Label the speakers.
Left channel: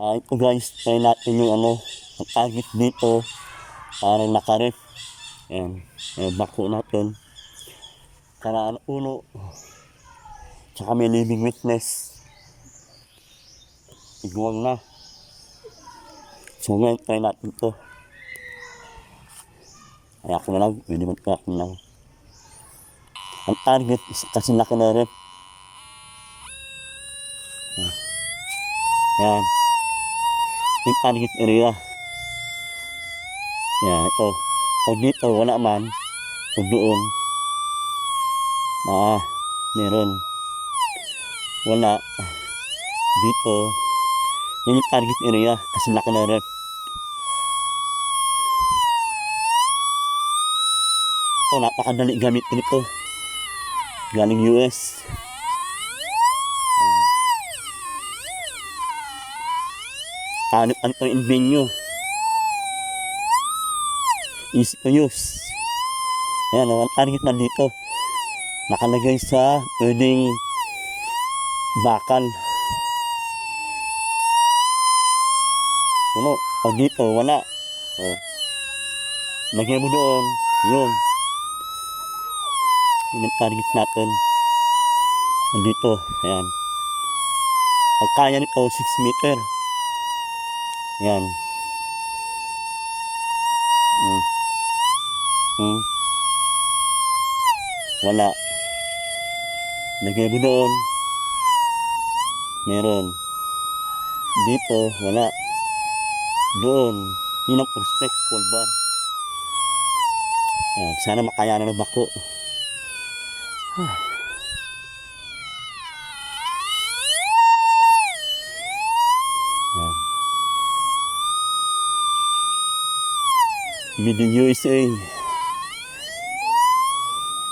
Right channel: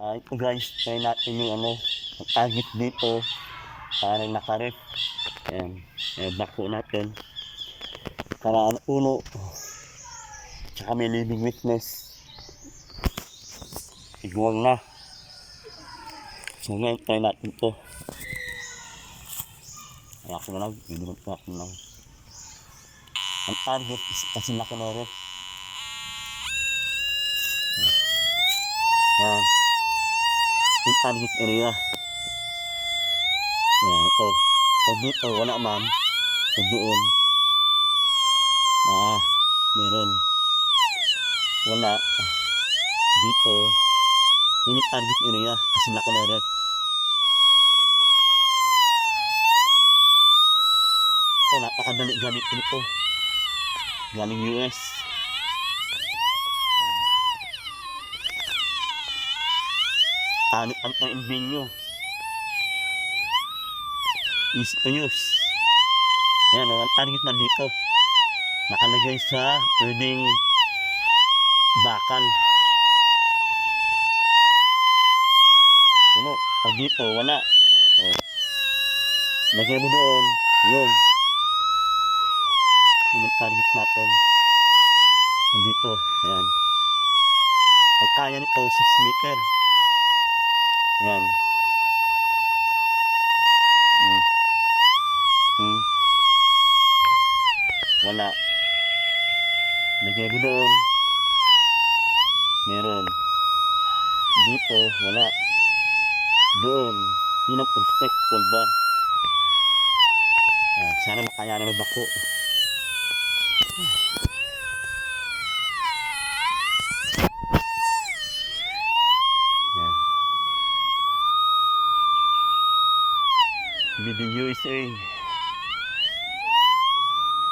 Speaker 1: Ah, ito guys, try natin yung ano, ang target dito. Parang nakaref. Ayan, yung bako natin. Karaan uno. Tsaka may living witness. Iguang na. So ngayon, try natin to. Kaya ako na lang, pwede ako na lang. Ang target is kasi laki na ref. Yan. Yung target area. Yan, ito. Pag dito, wala man. Pag doon, ah, meron. Wala. Dito, yun yung target area. Kasi laki na ref. Ito, napakadali gamitin ito. Galing US. Ano, ito yung venue? Easy to use. Ayan, ang target na dito. Nakalagay sa pwedeng bakal. Ano? Pag dito, wala. Oh. Lagay mo doon. Yun. Yun ang target natin. Nandito. Ayan. Ang kaya nito, 6 meter. Yan. Hmm. Hmm. Wala. Lagay mo doon. Meron. Dito, wala. Doon. Yun ang prospect, full bar. Yan. Sana makaya na bako. Yan. Made in USA.